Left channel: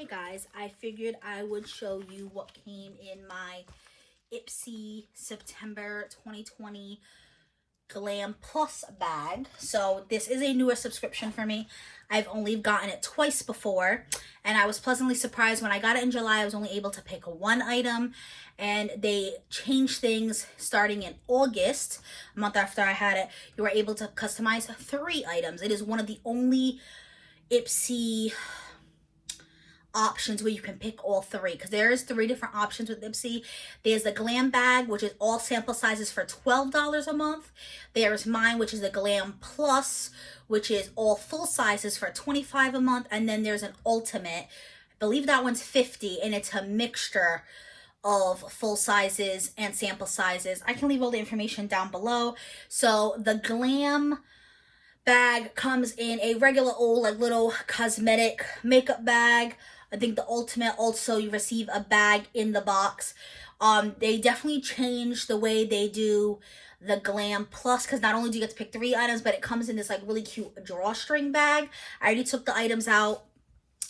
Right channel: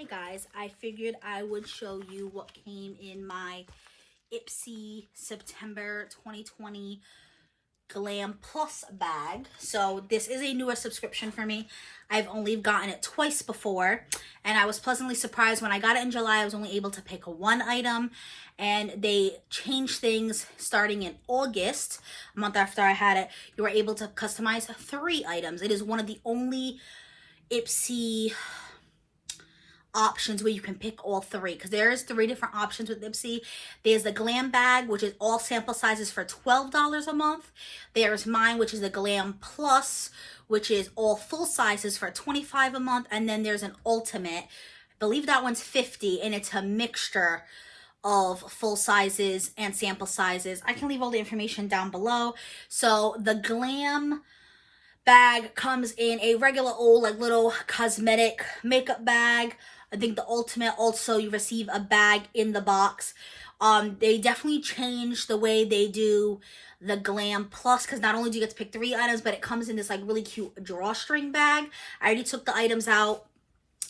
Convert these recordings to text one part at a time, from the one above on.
Hey guys, I figured I would show you what came in my Ipsy September 2020 Glam Plus bag. So this is a newer subscription for me. I've only gotten it twice before, and I was pleasantly surprised when I got it in July. I was only able to pick one item, and they changed things starting in August, a month after I had it. You were able to customize 3 items. It is one of the only Ipsy options where you can pick all 3, because there's 3 different options with Ipsy. There's the Glam Bag, which is all sample sizes for $12 a month. There's mine, which is a Glam Plus, which is all full sizes for $25 a month. And then there's an Ultimate, I believe that one's $50, and it's a mixture of full sizes and sample sizes. I can leave all the information down below. So the Glam Bag comes in a regular old like little cosmetic makeup bag. I think the Ultimate also, you receive a bag in the box. They definitely changed the way they do the Glam Plus, because not only do you get to pick 3 items, but it comes in this like really cute drawstring bag. I already took the items out.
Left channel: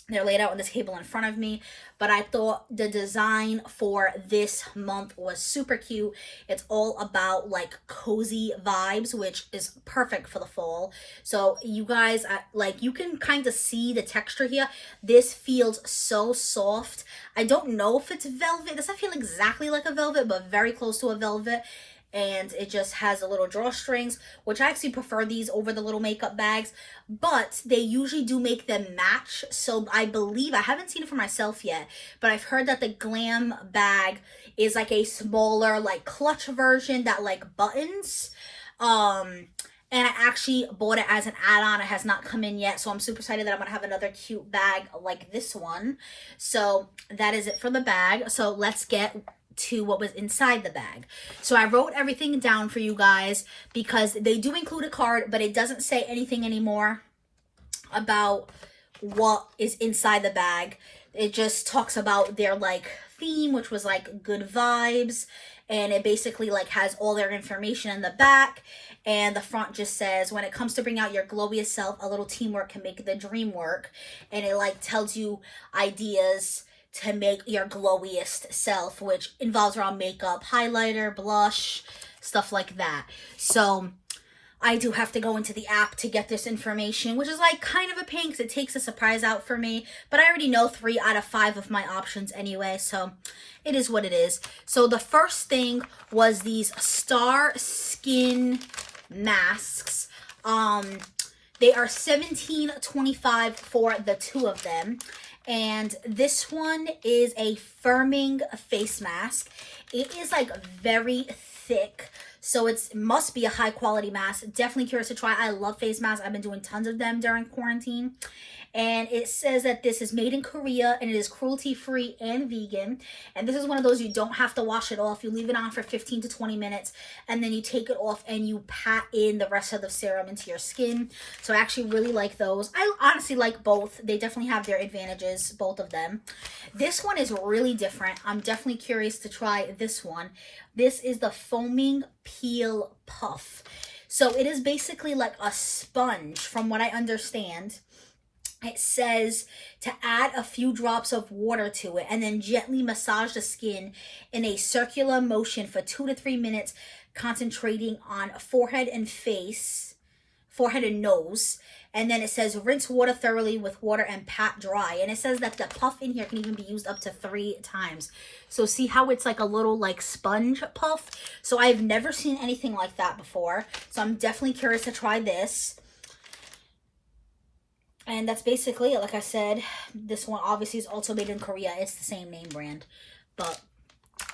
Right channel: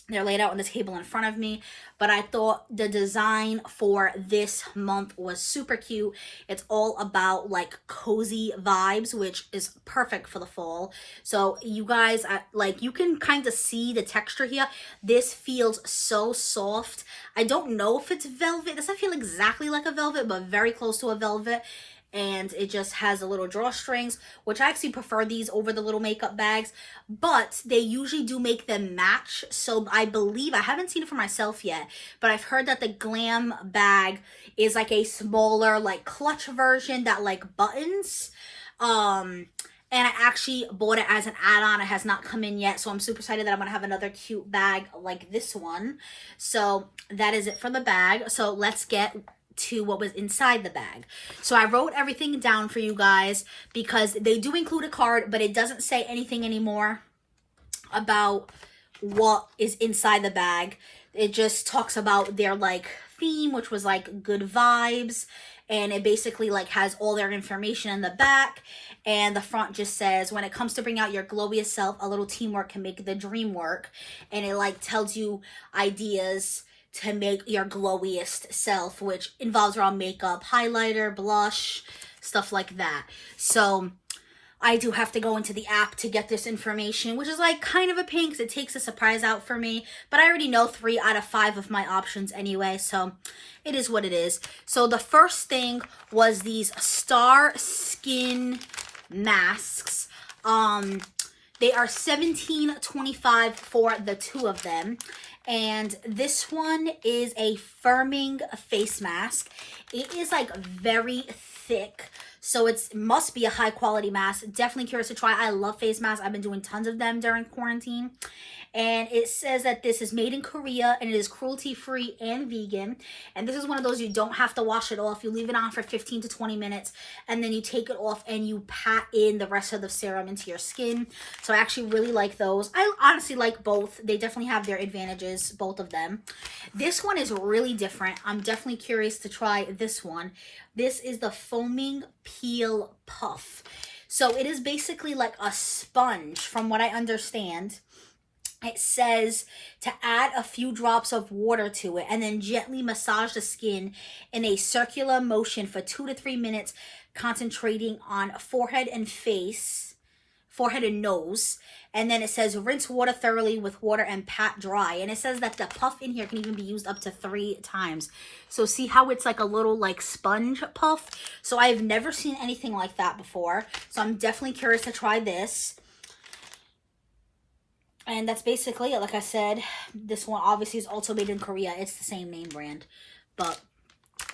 They're laid out on this table in front of me, but I thought the design for this month was super cute. It's all about like cozy vibes, which is perfect for the fall. So you guys, like, you can kind of see the texture here. This feels so soft. I don't know if it's velvet. It doesn't feel exactly like a velvet, but very close to a velvet. And it just has the little drawstrings, which I actually prefer these over the little makeup bags, but they usually do make them match. So I believe, I haven't seen it for myself yet, but I've heard that the Glam Bag is like a smaller, like clutch version that like buttons. And I actually bought it as an add-on. It has not come in yet, so I'm super excited that I'm gonna have another cute bag like this one. So that is it for the bag. So let's get to what was inside the bag. So I wrote everything down for you guys because they do include a card, but it doesn't say anything anymore about what is inside the bag. It just talks about their like theme, which was like good vibes, and it basically like has all their information in the back, and the front just says, when it comes to bring out your glowiest self, a little teamwork can make the dream work. And it like tells you ideas to make your glowiest self, which involves around makeup, highlighter, blush, stuff like that. So I do have to go into the app to get this information, which is like kind of a pain because it takes a surprise out for me. But I already know 3 out of 5 of my options anyway, so it is what it is. So the first thing was these Star Skin masks. They are $17.25 for the 2 of them. And this one is a firming face mask. It is like very thick, so it must be a high quality mask. Definitely curious to try. I love face masks. I've been doing tons of them during quarantine. And it says that this is made in Korea and it is cruelty free and vegan. And this is one of those, you don't have to wash it off. You leave it on for 15 to 20 minutes and then you take it off and you pat in the rest of the serum into your skin. So I actually really like those. I honestly like both. They definitely have their advantages, both of them. This one is really different. I'm definitely curious to try this one. This is the Foaming Peel Puff. So it is basically like a sponge from what I understand. It says to add a few drops of water to it and then gently massage the skin in a circular motion for 2 to 3 minutes, concentrating on forehead and nose. And then it says rinse water thoroughly with water and pat dry. And it says that the puff in here can even be used up to 3 times. So see how it's like a little like sponge puff? So I've never seen anything like that before. So I'm definitely curious to try this. And that's basically it. Like I said, this one obviously is also made in Korea. It's the same name brand. But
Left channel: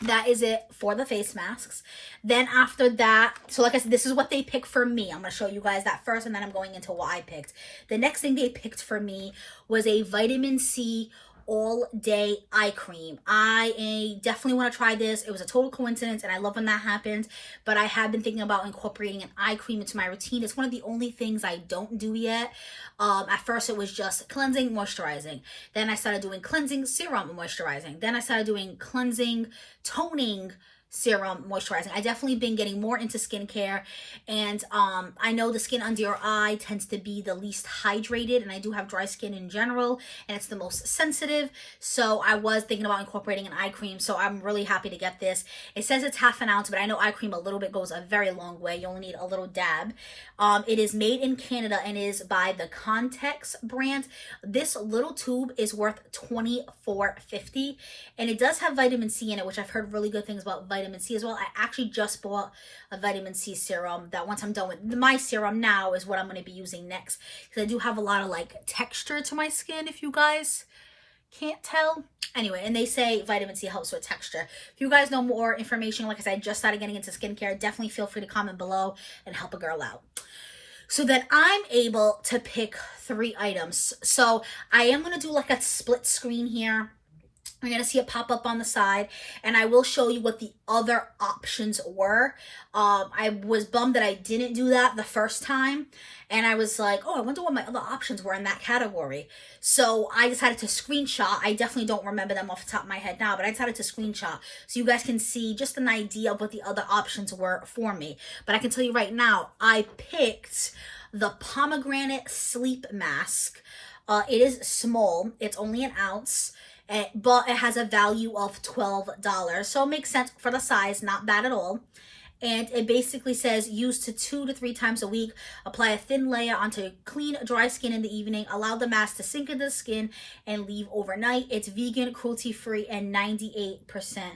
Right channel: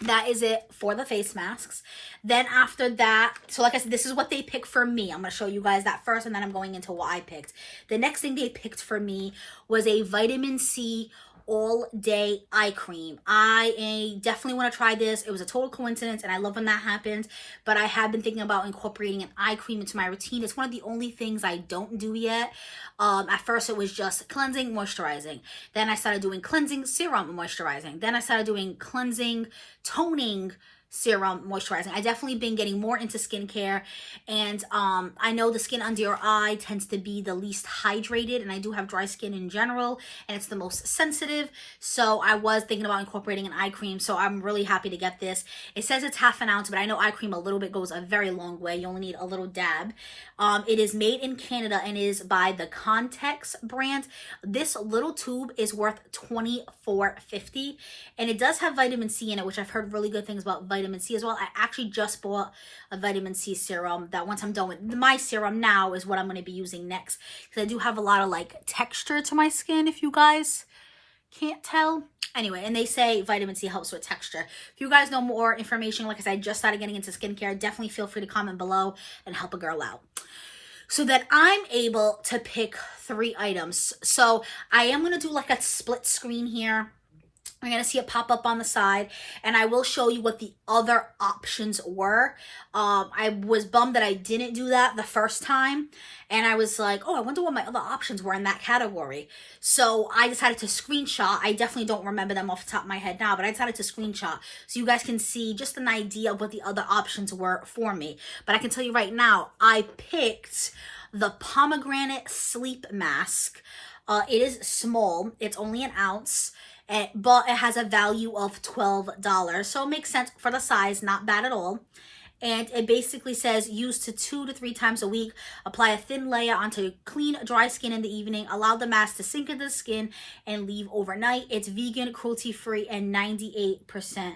that is it for the face masks. Then after that, so like I said, this is what they picked for me. I'm going to show you guys that first, and then I'm going into what I picked. The next thing they picked for me was a vitamin C all-day eye cream. I definitely want to try this. It was a total coincidence, and I love when that happens. But I have been thinking about incorporating an eye cream into my routine. It's one of the only things I don't do yet. At first, it was just cleansing, moisturizing. Then I started doing cleansing, serum, moisturizing. Then I started doing cleansing, toning, serum moisturizing. I definitely been getting more into skincare, and I know the skin under your eye tends to be the least hydrated, and I do have dry skin in general, and it's the most sensitive. So I was thinking about incorporating an eye cream, so I'm really happy to get this. It says it's half an ounce, but I know eye cream a little bit goes a very long way. You only need a little dab. It is made in Canada and is by the Context brand. This little tube is worth $24.50, and it does have vitamin C in it, which I've heard really good things about vitamin C as well. I actually just bought a vitamin C serum that once I'm done with my serum now is what I'm going to be using next, because I do have a lot of like texture to my skin, if you guys can't tell. Anyway, and they say vitamin C helps with texture. If you guys know more information, like I said, I just started getting into skincare, definitely feel free to comment below and help a girl out, so that I'm able to pick 3 items. So I am going to do like a split screen here. You're going to see it pop up on the side, and I will show you what the other options were. I was bummed that I didn't do that the first time, and I was like, oh, I wonder what my other options were in that category. So I decided to screenshot. I definitely don't remember them off the top of my head now, but I decided to screenshot so you guys can see just an idea of what the other options were for me. But I can tell you right now, I picked the pomegranate sleep mask. It is small. It's only an ounce. But it has a value of $12. So it makes sense for the size, not bad at all. And it basically says use to 2 to 3 times a week. Apply a thin layer onto clean, dry skin in the evening. Allow the mask to sink into the skin and leave overnight. It's vegan, cruelty-free, and 98%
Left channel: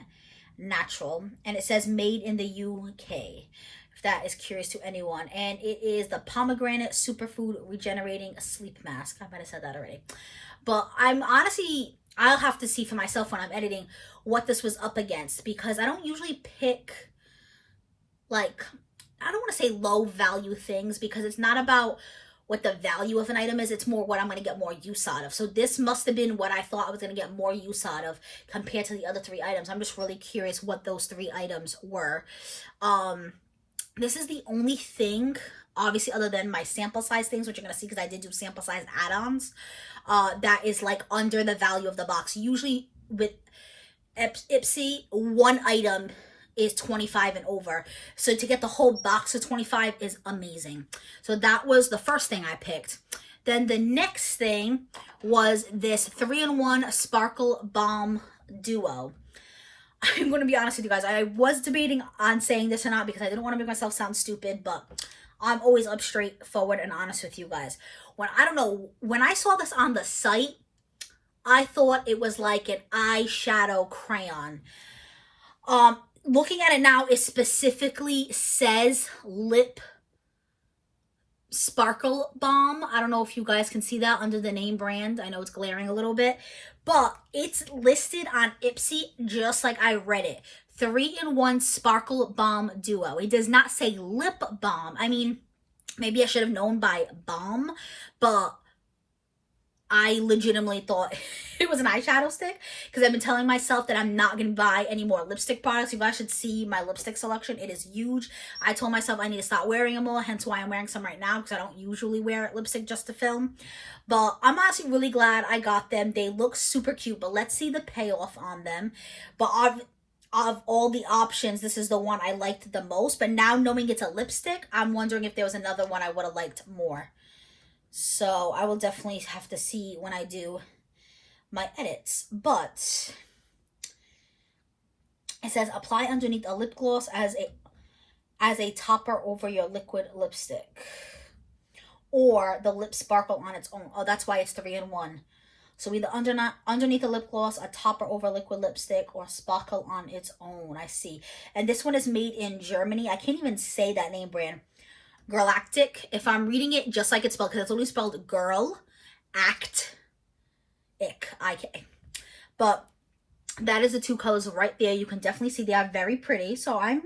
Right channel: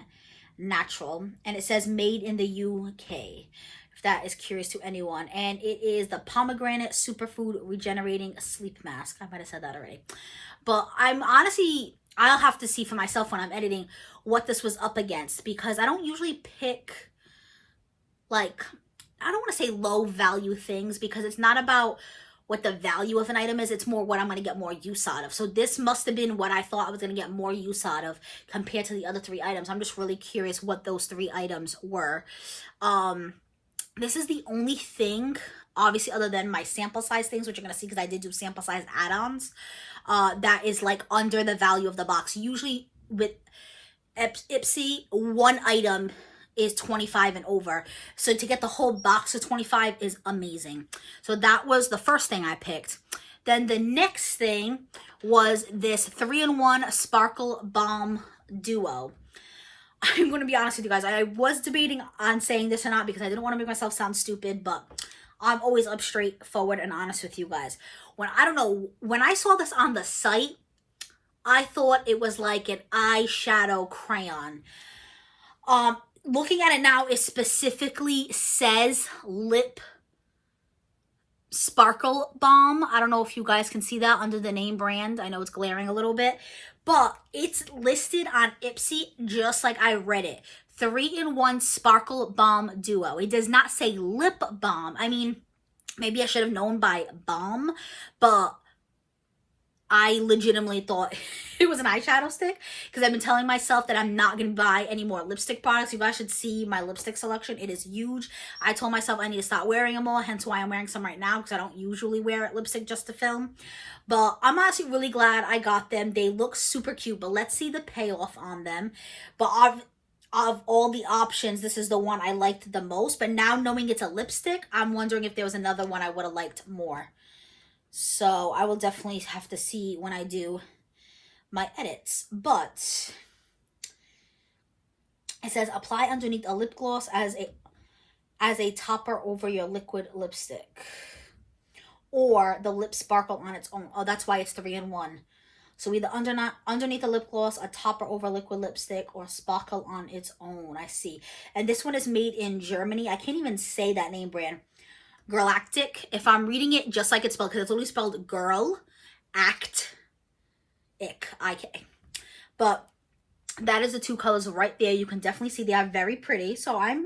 natural. And it says made in the UK, if that is curious to anyone. And it is the pomegranate superfood regenerating sleep mask. I might have said that already. But I'm honestly, I'll have to see for myself when I'm editing what this was up against, because I don't usually pick, like, I don't want to say low value things, because it's not about what the value of an item is. It's more what I'm going to get more use out of. So this must have been what I thought I was going to get more use out of compared to the other 3 items. I'm just really curious what those 3 items were. This is the only thing, obviously, other than my sample size things, which you're going to see because I did do sample size add-ons, that is like under the value of the box. Usually with Ipsy, one item is $25 and over. So to get the whole box of $25 is amazing. So that was the first thing I picked. Then the next thing was this 3-in-1 Sparkle Balm Duo. I'm going to be honest with you guys. I was debating on saying this or not because I didn't want to make myself sound stupid, but I'm always up straightforward and honest with you guys. When I saw this on the site, I thought it was like an eyeshadow crayon. Looking at it now, it specifically says lip sparkle balm. I don't know if you guys can see that under the name brand. I know it's glaring a little bit, but it's listed on Ipsy just like I read it. 3-in-1 Sparkle Balm Duo. It does not say lip balm. I mean, maybe I should have known by balm, but I legitimately thought it was an eyeshadow stick, because I've been telling myself that I'm not going to buy any more lipstick products. You guys should see my lipstick selection. It is huge. I told myself I need to stop wearing them all, hence why I'm wearing some right now, because I don't usually wear lipstick just to film. But I'm honestly really glad I got them. They look super cute, but let's see the payoff on them. But of all the options, this is the one I liked the most. But now knowing it's a lipstick, I'm wondering if there was another one I would have liked more. So I will definitely have to see when I do my edits. But it says apply underneath a lip gloss as a topper over your liquid lipstick, or the lip sparkle on its own. Oh, that's why it's 3-in-1. So either underneath a lip gloss, a topper over liquid lipstick, or sparkle on its own. I see. And this one is made in Germany. I can't even say that name brand. Galactic. If I'm reading it just like it's spelled, because it's only spelled girl, act, ick, I-K. But that is the 2 colors right there. You can definitely see they are very pretty. So I'm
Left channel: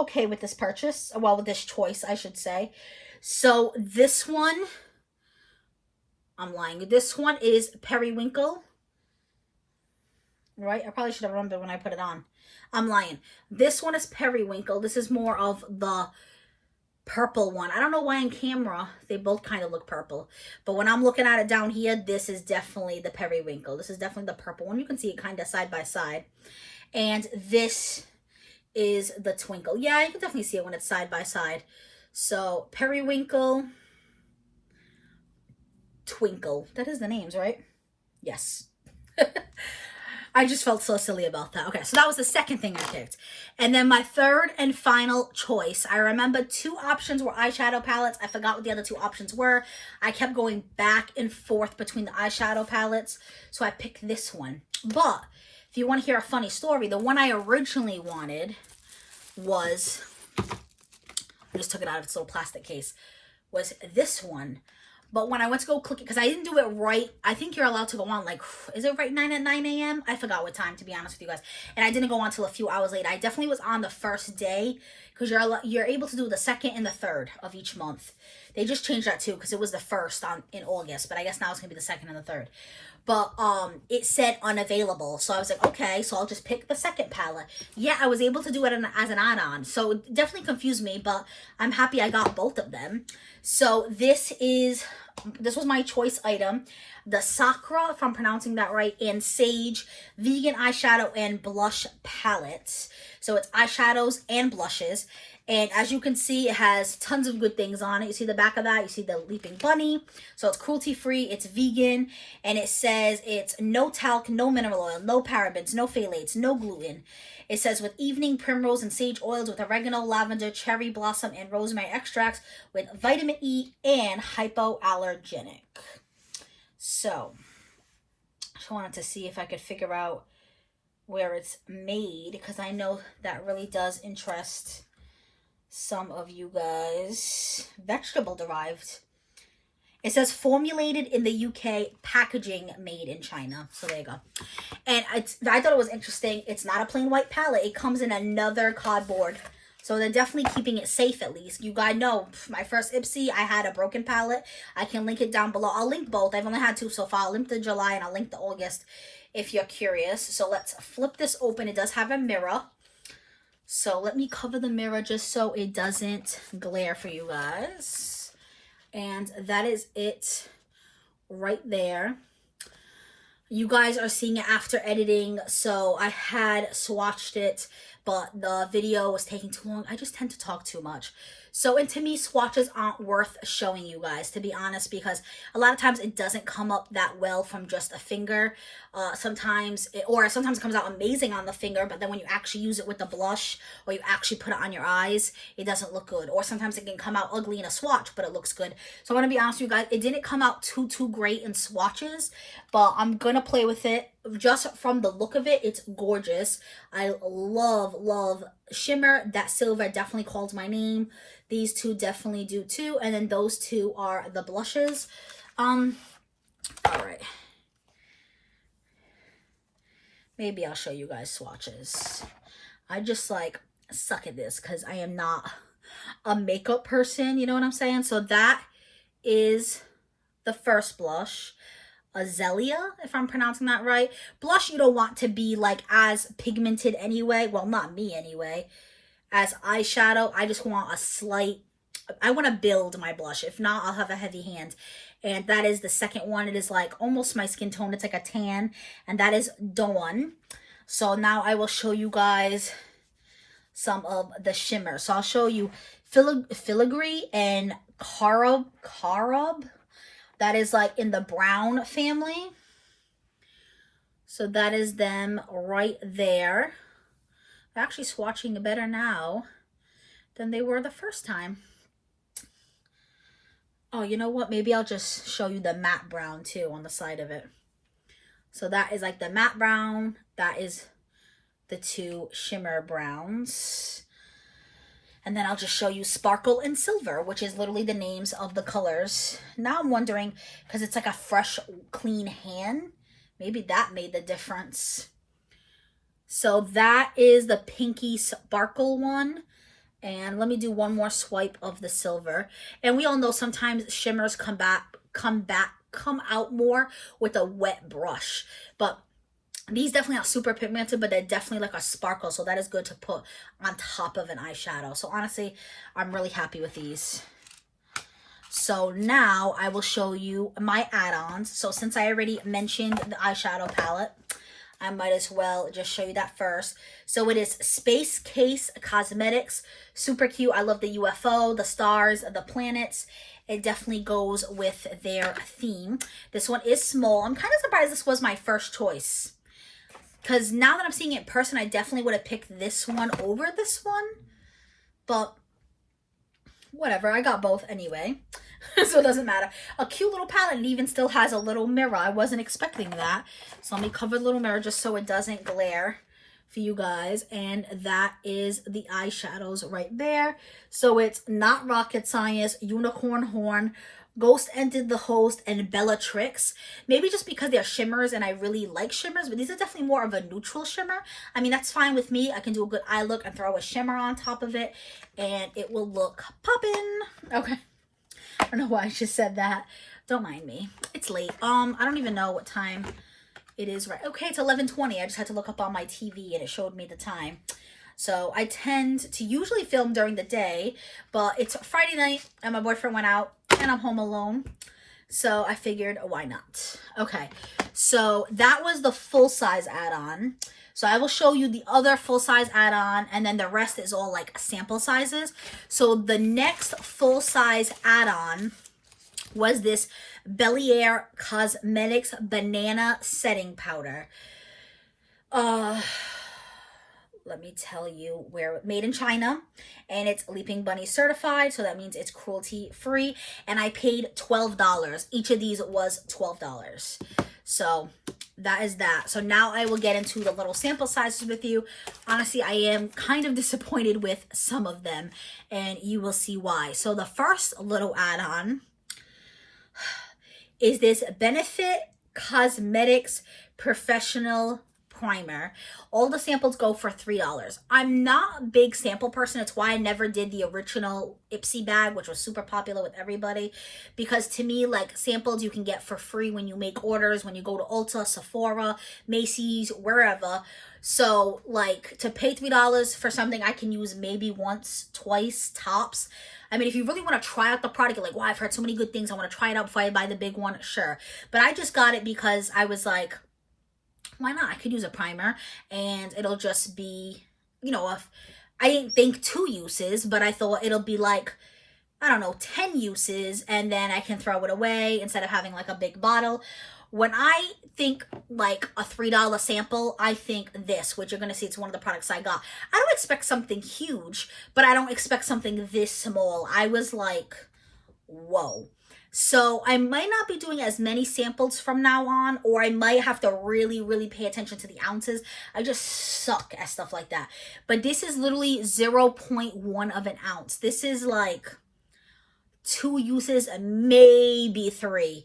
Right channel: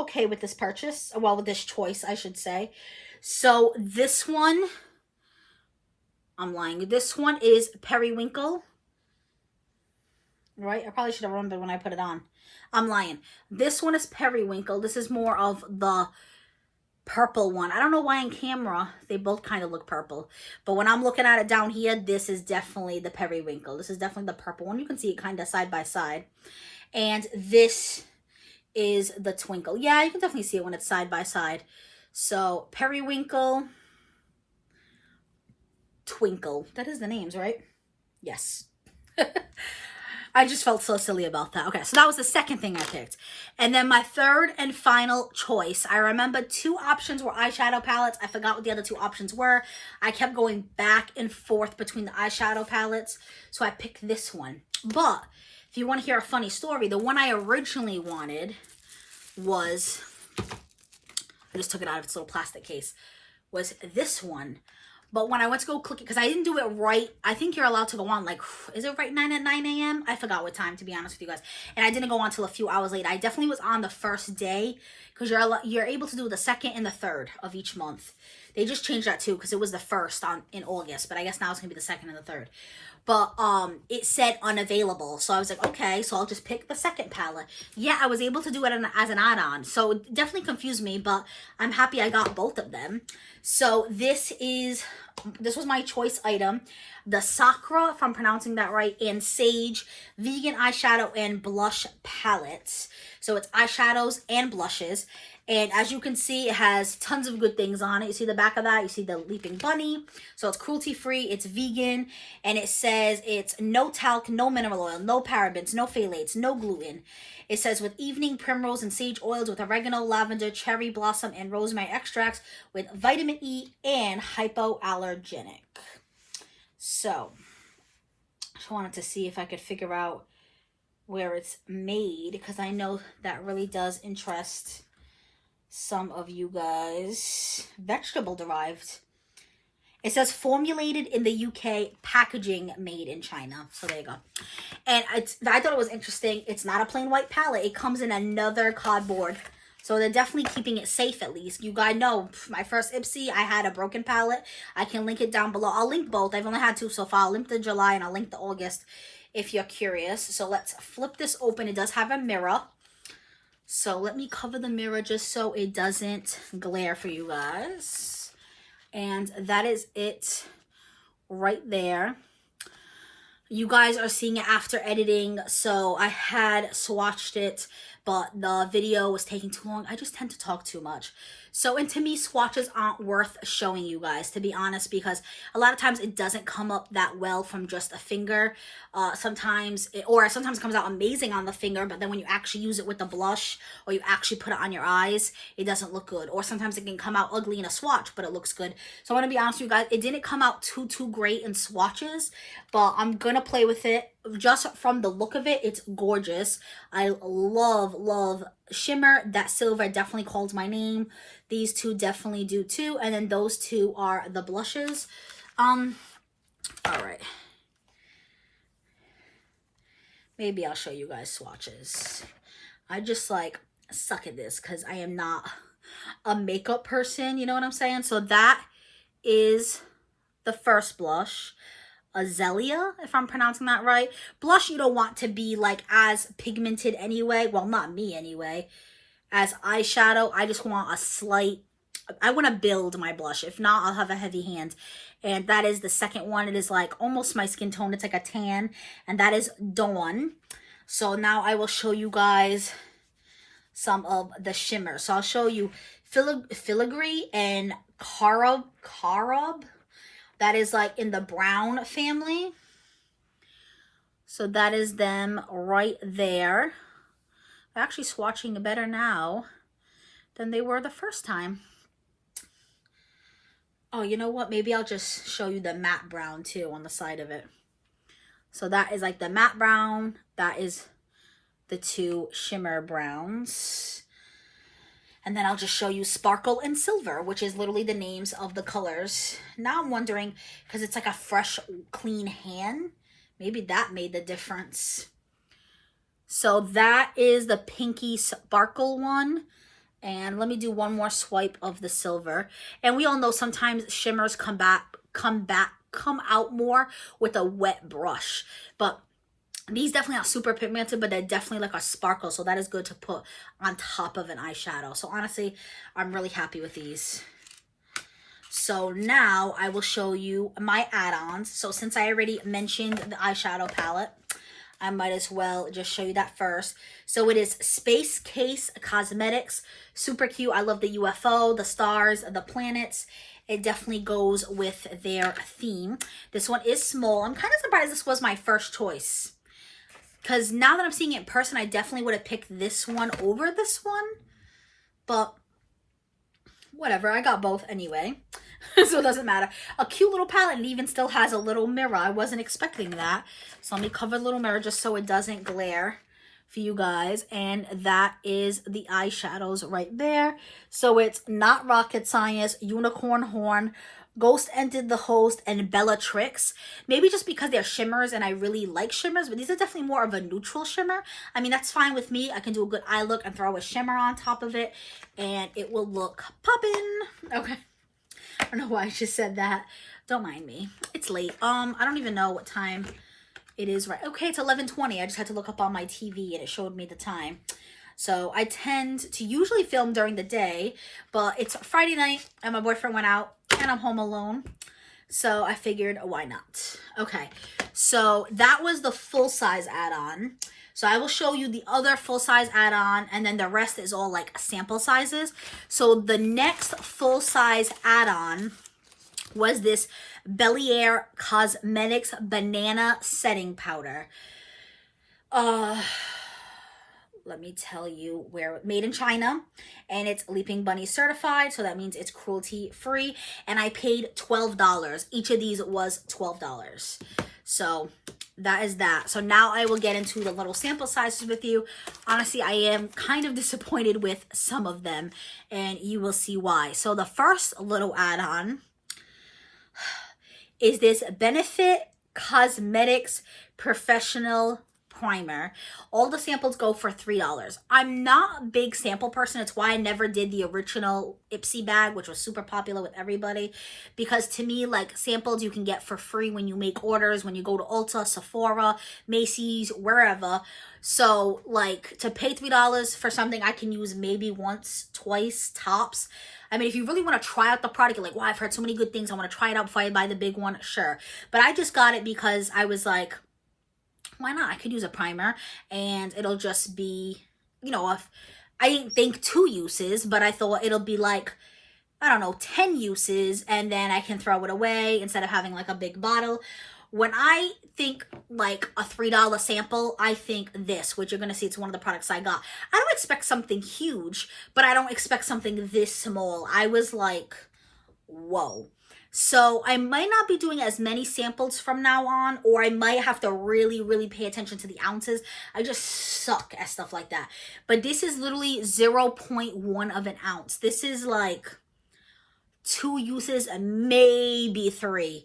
okay with this purchase. Well, with this choice, I should say. So this one, I'm lying. This one is Periwinkle. Right? I probably should have remembered when I put it on. I'm lying. This one is Periwinkle. This is more of the purple one. I don't know why in camera they both kind of look purple, but when I'm looking at it down here, this is definitely the Periwinkle. This is definitely the purple one. You can see it kind of side by side. And this is the Twinkle. Yeah, you can definitely see it when it's side by side. So Periwinkle, Twinkle. That is the names, right? Yes. I just felt so silly about that. Okay, so that was the second thing I picked. And then my third and final choice. I remember two options were eyeshadow palettes. I forgot what the other two options were. I kept going back and forth between the eyeshadow palettes. So I picked this one. But if you want to hear a funny story, the one I originally wanted was, I just took it out of its little plastic case, was this one. But when I went to go click it, because I didn't do it right, I think you're allowed to go on, like, is it right 9 a.m.? I forgot what time, to be honest with you guys. And I didn't go on until a few hours later. I definitely was on the first day, because you're able to do the 2nd and the 3rd of each month. They just changed that too, because it was the 1st in August, but I guess now it's going to be the 2nd and the 3rd. But it said unavailable, so I was like, okay, so I'll just pick the 2nd palette. Yeah, I was able to do it as an add-on, so it definitely confused me, but I'm happy I got both of them. So this was my choice item, the Sakura, if I'm pronouncing that right, and Sage vegan eyeshadow and blush palettes. So it's eyeshadows and blushes. And as you can see, it has tons of good things on it. You see the back of that? You see the leaping bunny. So it's cruelty-free, it's vegan, and it says it's no talc, no mineral oil, no parabens, no phthalates, no gluten. It says with evening primrose and sage oils with oregano, lavender, cherry blossom, and rosemary extracts with vitamin E and hypoallergenic. So, I just wanted to see if I could figure out where it's made, because I know that really does interest some of you guys. Vegetable derived. It says formulated in the UK, packaging made in China. So there you go. And I thought it was interesting. It's not a plain white palette. It comes in another cardboard. So they're definitely keeping it safe at least. You guys know, my first Ipsy, I had a broken palette. I can link it down below. I'll link both. I've only had two so far. I'll link the July and I'll link the August if you're curious. So let's flip this open. It does have a mirror. So let me cover the mirror just so it doesn't glare for you guys. And that is it right there. You guys are seeing it after editing, so I had swatched it, but the video was taking too long. I just tend to talk too much. So, and to me, swatches aren't worth showing you guys, to be honest, because a lot of times it doesn't come up that well from just a finger. Sometimes it comes out amazing on the finger, but then when you actually use it with the blush or you actually put it on your eyes, it doesn't look good. Or sometimes it can come out ugly in a swatch, but it looks good. So I want to be honest with you guys, it didn't come out too great in swatches, but I'm going to play with it. Just from the look of it, it's gorgeous. I love shimmer. That silver definitely calls my name. These two definitely do too. And then those two are the blushes. All right. Maybe I'll show you guys swatches. I just like suck at this because I am not a makeup person. You know what I'm saying? So that is the first blush. Azalea, if I'm pronouncing that right. Blush, you don't want to be like as pigmented anyway. Well, not me anyway. As eyeshadow, I just want a slight, I want to build my blush. If not, I'll have a heavy hand. And that is the second one. It is like almost my skin tone. It's like a tan. And that is Dawn. So now I will show you guys some of the shimmer. So I'll show you Filigree and Carob. That is like in the brown family. So that is them right there. They're actually swatching better now than they were the first time. Oh, you know what? Maybe I'll just show you the matte brown too on the side of it. So that is like the matte brown. That is the two shimmer browns. And then I'll just show you Sparkle and Silver, which is literally the names of the colors. Now I'm wondering, because it's like a fresh, clean hand, maybe that made the difference. So that is the Pinky Sparkle one. And let me do one more swipe of the silver. And we all know sometimes shimmers come out more with a wet brush. But these definitely are super pigmented, but they're definitely like a sparkle. So that is good to put on top of an eyeshadow. So honestly, I'm really happy with these. So now I will show you my add-ons. So since I already mentioned the eyeshadow palette, I might as well just show you that first. So it is Space Case Cosmetics. Super cute. I love the UFO, the stars, the planets. It definitely goes with their theme. This one is small. I'm kind of surprised this was my first choice, because now that I'm seeing it in person, I definitely would have picked this one over this one. But whatever, I got both anyway. So it doesn't matter. A cute little palette. It even still has a little mirror. I wasn't expecting that. So let me cover the little mirror just so it doesn't glare for you guys. And that is the eyeshadows right there. So it's Not Rocket Science, Unicorn Horn, Ghost Entered the Host, and Bellatrix. Maybe just because they're shimmers and I really like shimmers, but these are definitely more of a neutral shimmer. I mean, that's fine with me. I can do a good eye look and throw a shimmer on top of it and it will look poppin'. Okay. I don't know why I just said that. Don't mind me. It's late. I don't even know what time it is right. Okay, it's 11:20. I just had to look up on my TV and it showed me the time. So I tend to usually film during the day, but it's Friday night and my boyfriend went out and I'm home alone. So I figured, why not? Okay, so that was the full-size add-on. So I will show you the other full-size add-on, and then the rest is all like sample sizes. So the next full-size add-on was this Belair Cosmetics Banana Setting Powder. Let me tell you where, made in China, and it's Leaping Bunny certified, so that means it's cruelty free, and I paid $12. Each of these was $12. So that is that. So now I will get into the little sample sizes with you. Honestly, I am kind of disappointed with some of them, and you will see why. So the first little add-on is this Benefit Cosmetics Professional Primer. All the samples go for $3. I'm not a big sample person. It's why I never did the original Ipsy bag, which was super popular with everybody, because to me, like, samples you can get for free when you make orders, when you go to Ulta, Sephora, Macy's, wherever. So like, to pay $3 for something I can use maybe once, twice tops. I mean, if you really want to try out the product, you're like, wow, I've heard so many good things, I want to try it out before I buy the big one, sure. But I just got it because I was like, why not? I could use a primer and it'll just be, you know, if I didn't think 2 uses, but I thought it'll be like, I don't know, 10 uses, and then I can throw it away instead of having like a big bottle. When I think like a $3 sample, I think this, which you're going to see, it's one of the products I got. I don't expect something huge, but I don't expect something this small. I was like, whoa. So I might not be doing as many samples from now on, or I might have to really, really pay attention to the ounces. I just suck at stuff like that. But this is literally 0.1 of an ounce. This is like 2 uses, maybe 3.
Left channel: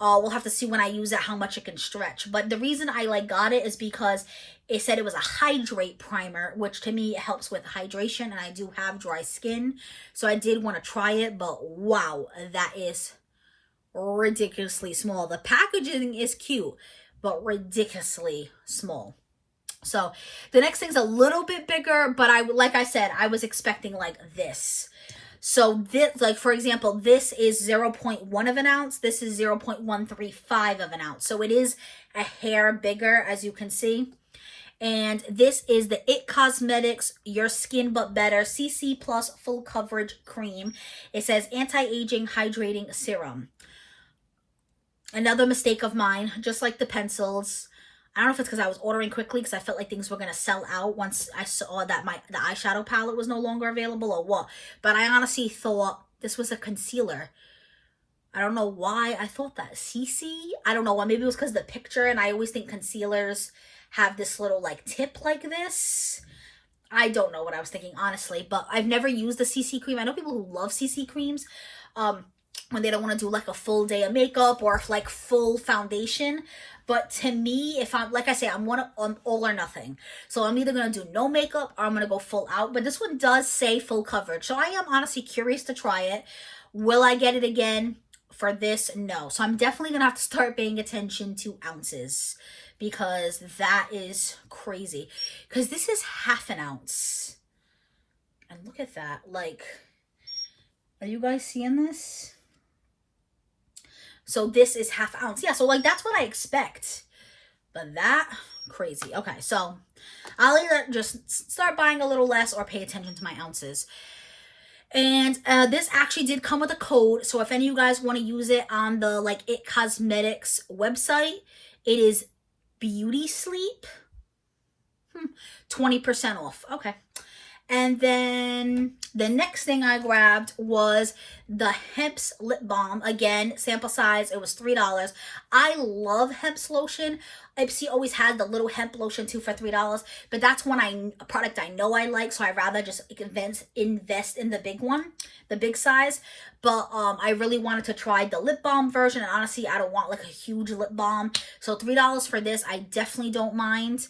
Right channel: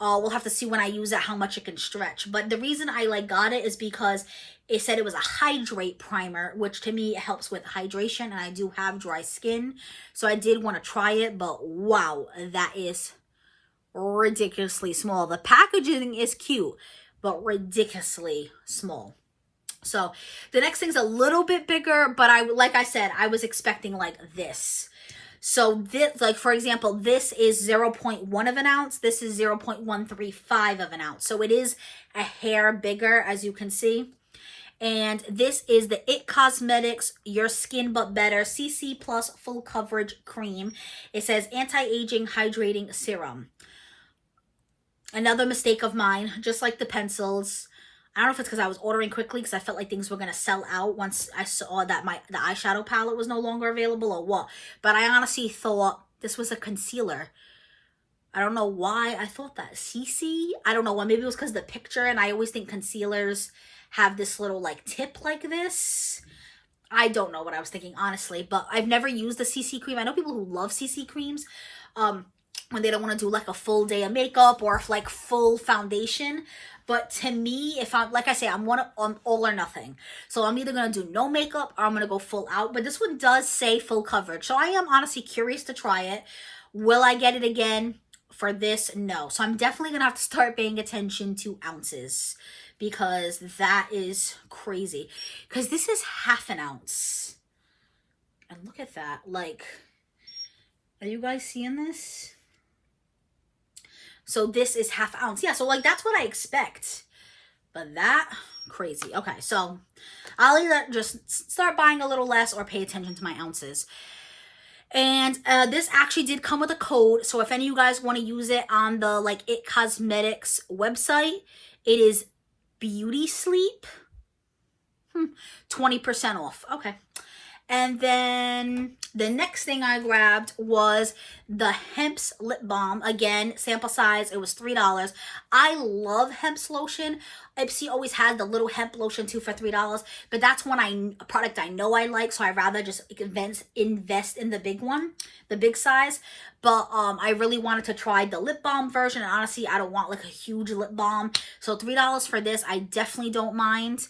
We'll have to see when I use it how much it can stretch. But the reason I like got it is because it said it was a hydrate primer, which to me helps with hydration, and I do have dry skin. So I did want to try it, but wow, that is ridiculously small. The packaging is cute, but ridiculously small. So the next thing's a little bit bigger, but like I said, I was expecting like this. So this, like for example, this is 0.1 of an ounce. This is 0.135 of an ounce. So it is a hair bigger, as you can see. And this is the IT Cosmetics Your Skin But Better CC Plus Full Coverage Cream. It says Anti-Aging Hydrating Serum. Another mistake of mine, just like the pencils. I don't know if it's because I was ordering quickly because I felt like things were going to sell out once I saw that the eyeshadow palette was no longer available, or what. But I honestly thought this was a concealer. I don't know why I thought that. CC? I don't know why. Maybe it was because of the picture, and I always think concealers have this little like tip like this. I don't know what I was thinking, honestly, but I've never used the CC cream. I know people who love CC creams when they don't want to do like a full day of makeup or like full foundation. But to me, if I'm, like I say, I'm all or nothing. So I'm either going to do no makeup or I'm going to go full out. But this one does say full coverage. So I am honestly curious to try it. Will I get it again for this? No. So I'm definitely going to have to start paying attention to ounces, because that is crazy. Because this is half an ounce. And look at that. Like, are you guys seeing this? So this is half ounce. Yeah, so like that's what I expect. But that, crazy. Okay, so I'll either just start buying a little less or pay attention to my ounces. And this actually did come with a code. So if any of you guys want to use it on the like It Cosmetics website, it is Beauty Sleep. 20% off. Okay. And then the next thing I grabbed was the Hemp's lip balm. Again, sample size, it was $3. I love Hemp's lotion. Ipsy always has the little hemp lotion too for $3, but that's a product I know I like, so I'd rather just invest in the big one, the big size. But I really wanted to try the lip balm version, and honestly, I don't want like a huge lip balm. So $3 for this, I definitely don't mind.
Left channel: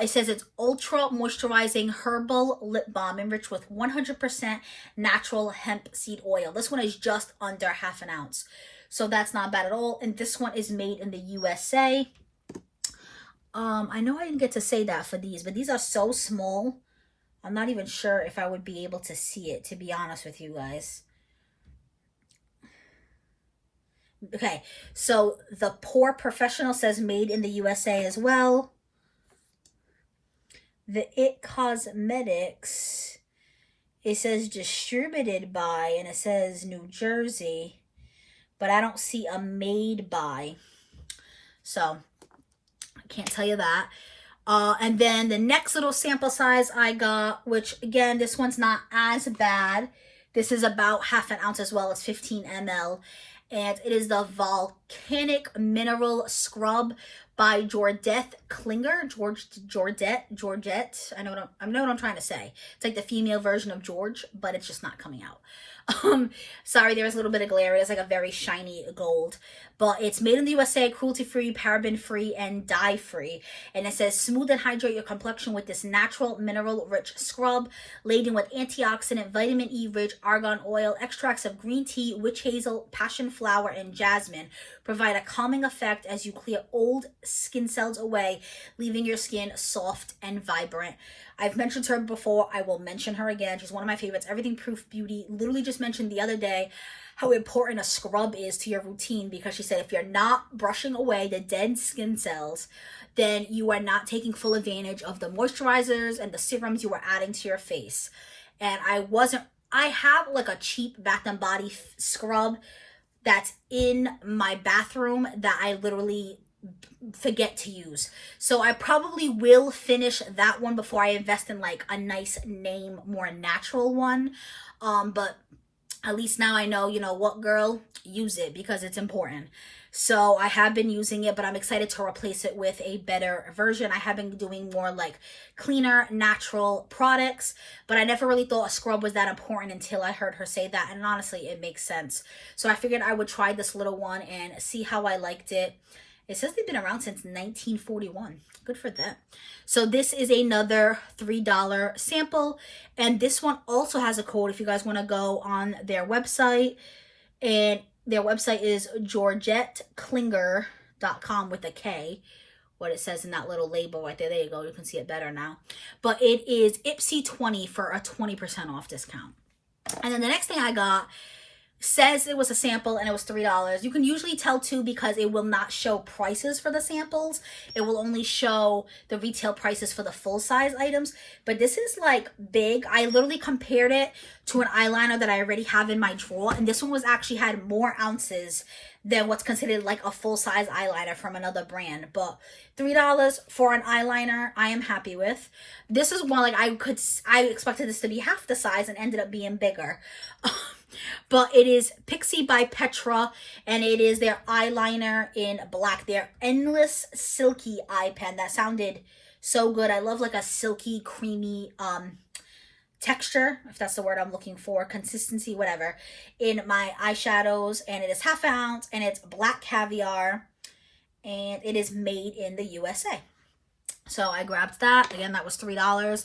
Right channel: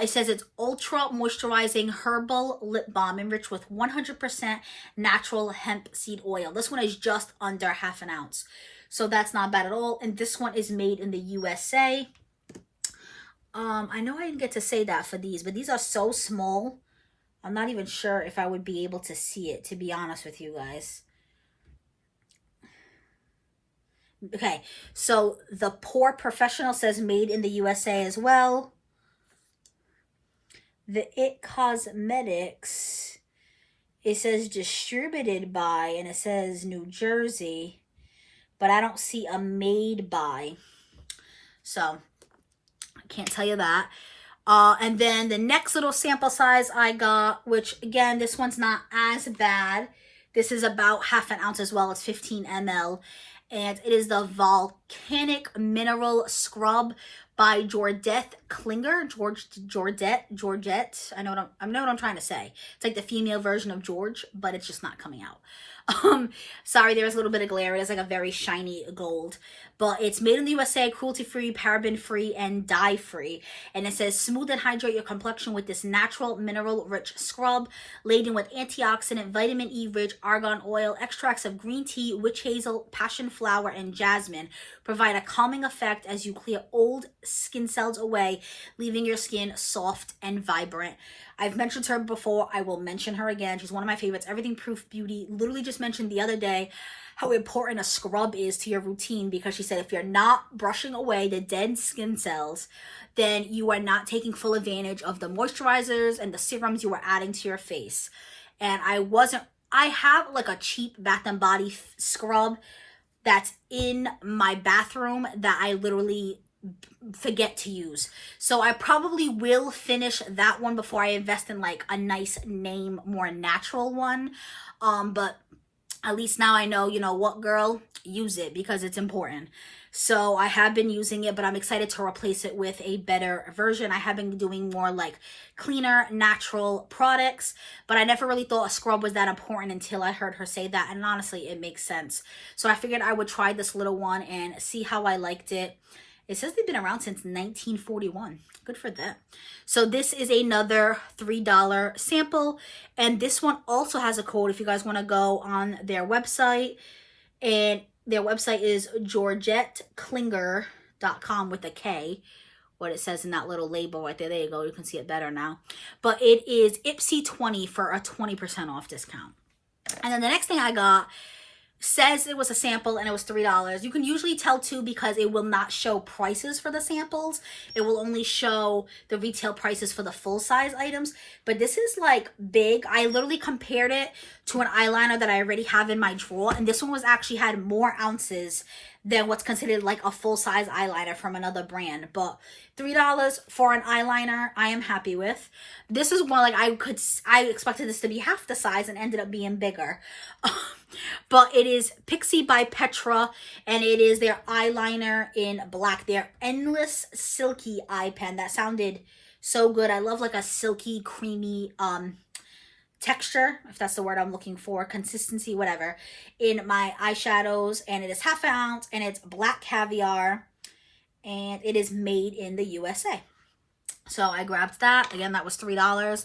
It says it's ultra moisturizing herbal lip balm enriched with 100% natural hemp seed oil. This one is just under half an ounce. So that's not bad at all. And this one is made in the USA. I know I didn't get to say that for these, but these are so small. I'm not even sure if I would be able to see it, to be honest with you guys. Okay, so the Pore Professional says made in the USA as well. The It Cosmetics, it says distributed by, and it says New Jersey, but I don't see a made by. So, I can't tell you that. And then the next little sample size I got, which again, this one's not as bad. This is about half an ounce as well. It's 15 ml. And it is the Volcanic Mineral Scrub by Georgette Klinger. Georgette. I know what I'm trying to say. It's like the female version of George, but it's just not coming out. Sorry, there's a little bit of glare. It is like a very shiny gold, but it's made in the USA, cruelty-free, paraben-free, and dye-free. And it says smooth and hydrate your complexion with this natural mineral-rich scrub laden with antioxidant, vitamin E-rich argan oil, extracts of green tea, witch hazel, passion flower, and jasmine. Provide a calming effect as you clear old skin cells away, leaving your skin soft and vibrant. I've mentioned her before. I will mention her again. She's one of my favorites. Everything Proof Beauty literally just mentioned the other day how important a scrub is to your routine, because she said if you're not brushing away the dead skin cells, then you are not taking full advantage of the moisturizers and the serums you are adding to your face. And I have like a cheap Bath and Body scrub that's in my bathroom that I literally forget to use. So I probably will finish that one before I invest in like a nice name, more natural one. But at least now I know, you know what, girl, use it because it's important. So I have been using it, but I'm excited to replace it with a better version. I have been doing more like cleaner, natural products, but I never really thought a scrub was that important until I heard her say that. And honestly, it makes sense. So I figured I would try this little one and see how I liked it. It says they've been around since 1941. Good for them. So this is another $3 sample. And this one also has a code if you guys want to go on their website. And their website is georgetteklinger.com with a K. What it says in that little label right there. There you go. You can see it better now. But it is Ipsy20 for a 20% off discount. And then the next thing I got says it was a sample and it was $3. You can usually tell too because it will not show prices for the samples. It will only show the retail prices for the full size items. But this is like big. I literally compared it to an eyeliner that I already have in my drawer. And this one was actually had more ounces than what's considered like a full size eyeliner from another brand. But $3 for an eyeliner, I am happy with. This is one like I expected this to be half the size and ended up being bigger. But it is Pixie by Petra, and it is their eyeliner in black. Their Endless Silky Eye Pen. That sounded so good. I love like a silky, creamy texture, if that's the word I'm looking for, consistency, whatever, in my eyeshadows. And it is half an ounce, and it's black caviar, and it is made in the USA. So I grabbed that. Again, that was $3.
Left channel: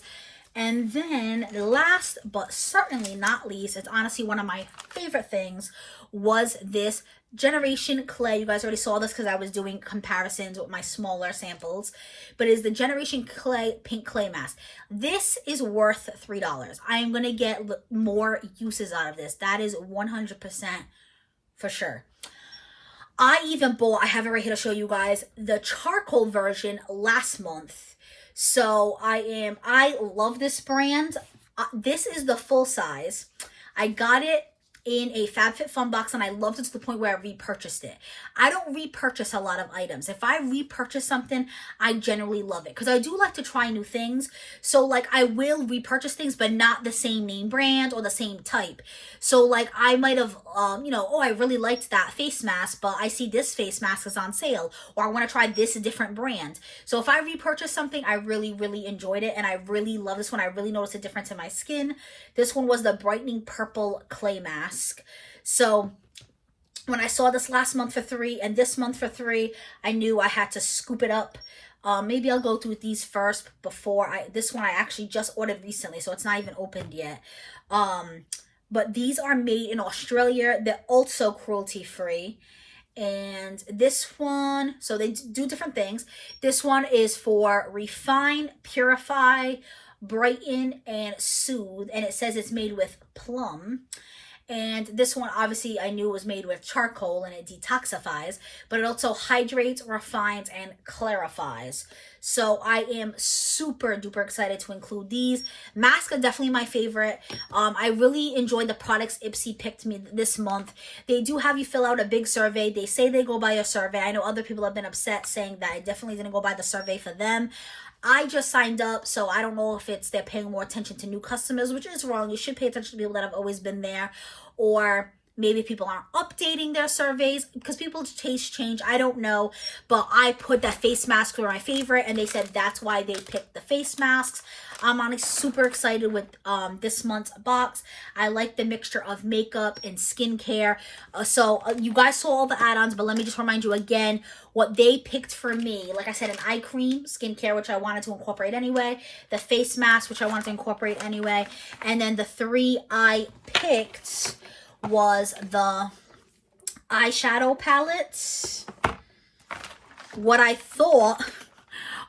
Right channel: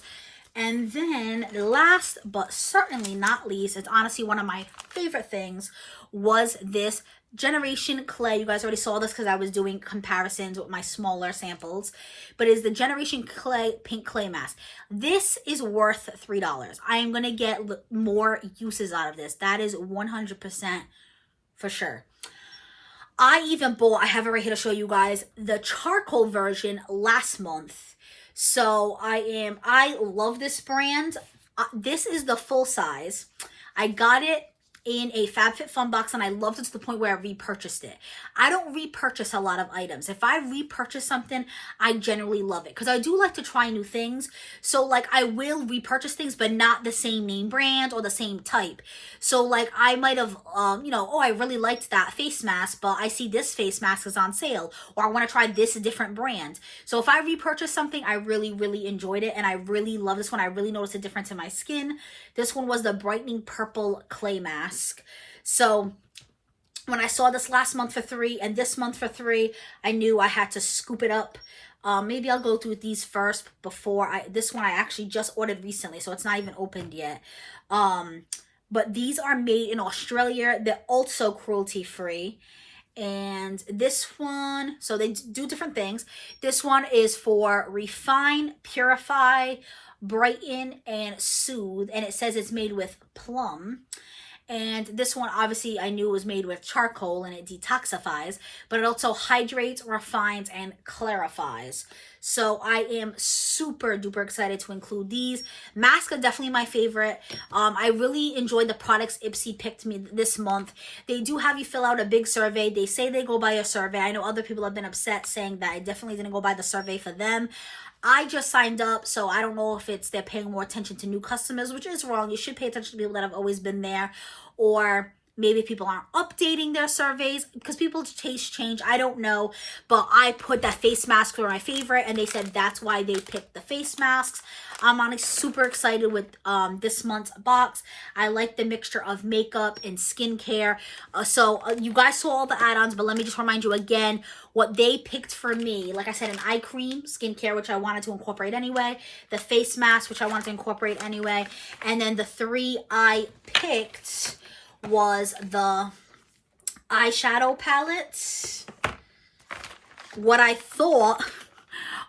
And then last but certainly not least, it's honestly one of my favorite things, was this Generation Clay. You guys already saw this because I was doing comparisons with my smaller samples. But it is the Generation Clay Pink Clay Mask. This is worth $3. I am going to get more uses out of this. That is 100% for sure. I even bought, I have it right here to show you guys, the charcoal version last month. So I love this brand. This is the full size. I got it in a FabFitFun box, and I loved it to the point where I repurchased it. I don't repurchase a lot of items. If I repurchase something, I generally love it because I do like to try new things. So like I will repurchase things, but not the same name brand or the same type. So like I might have, you know, oh, I really liked that face mask, but I see this face mask is on sale, or I want to try this different brand. So if I repurchase something, I really, really enjoyed it, and I really love this one. I really noticed a difference in my skin. This one was the brightening purple clay mask. So when I saw this last month for $3 and this month for $3, I knew I had to scoop it up. Maybe I'll go through these first before this one I actually just ordered recently, so it's not even opened yet. But these are made in Australia. They're also cruelty free. And this one, so they do different things. This one is for refine, purify, brighten, and soothe. And it says it's made with plum. And this one, obviously, I knew was made with charcoal, and it detoxifies, but it also hydrates, refines, and clarifies. So I am super duper excited to include these. Masks are definitely my favorite. I really enjoyed the products Ipsy picked me this month. They do have you fill out a big survey. They say they go by a survey. I know other people have been upset saying that I definitely didn't go by the survey for them. I just signed up, so I don't know if it's they're paying more attention to new customers, which is wrong. You should pay attention to people that have always been there, or maybe people aren't updating their surveys because people's tastes change. I don't know, but I put that face mask for my favorite, and they said that's why they picked the face masks. I'm honestly super excited with this month's box. I like the mixture of makeup and skincare. So you guys saw all the add-ons, but let me just remind you again what they picked for me. Like I said, an eye cream, skincare, which I wanted to incorporate anyway. The face mask, which I wanted to incorporate anyway. And then the 3 I picked was the eyeshadow palette. What I thought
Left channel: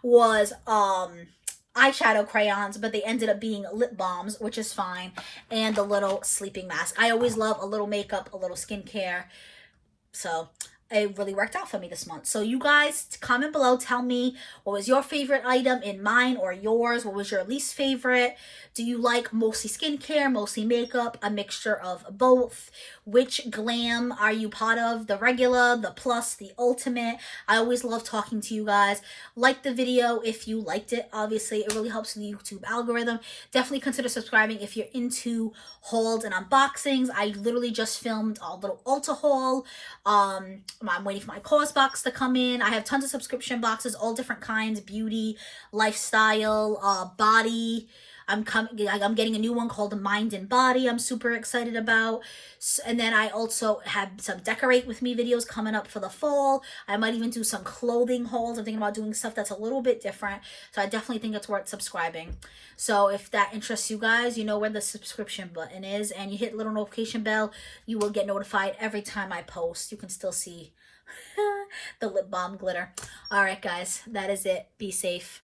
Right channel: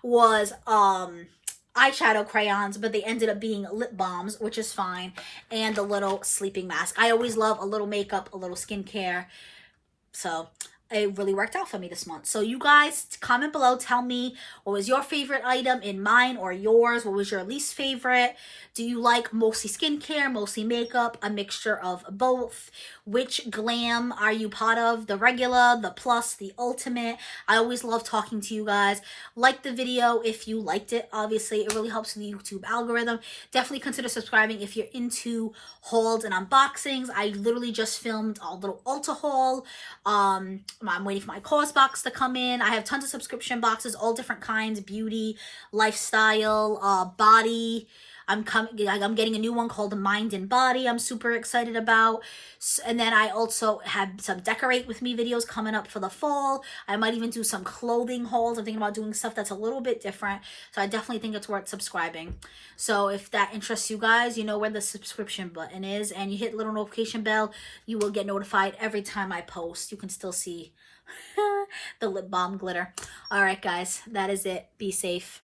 was eyeshadow crayons, but they ended up being lip balms, which is fine, and the little sleeping mask. I always love a little makeup, a little skincare, so it really worked out for me this month. So you guys, comment below, tell me what was your favorite item in mine or yours. What was your least favorite? Do you like mostly skincare, mostly makeup, a mixture of both? Which glam are you part of? The regular, the plus, the ultimate? I always love talking to you guys. Like the video if you liked it. Obviously, it really helps the YouTube algorithm. Definitely consider subscribing if you're into hauls and unboxings. I literally just filmed a little Ulta haul. I'm waiting for my course box to come in. I have tons of subscription boxes, all different kinds, beauty, lifestyle, body. I'm getting a new one called Mind and Body I'm super excited about. And then I also have some decorate with me videos coming up for the fall. I might even do some clothing hauls. I'm thinking about doing stuff that's a little bit different. So I definitely think it's worth subscribing. So if that interests you guys, you know where the subscription button is, and you hit the little notification bell, you will get notified every time I post. You can still see the lip balm glitter. All right, guys, that is it. Be safe.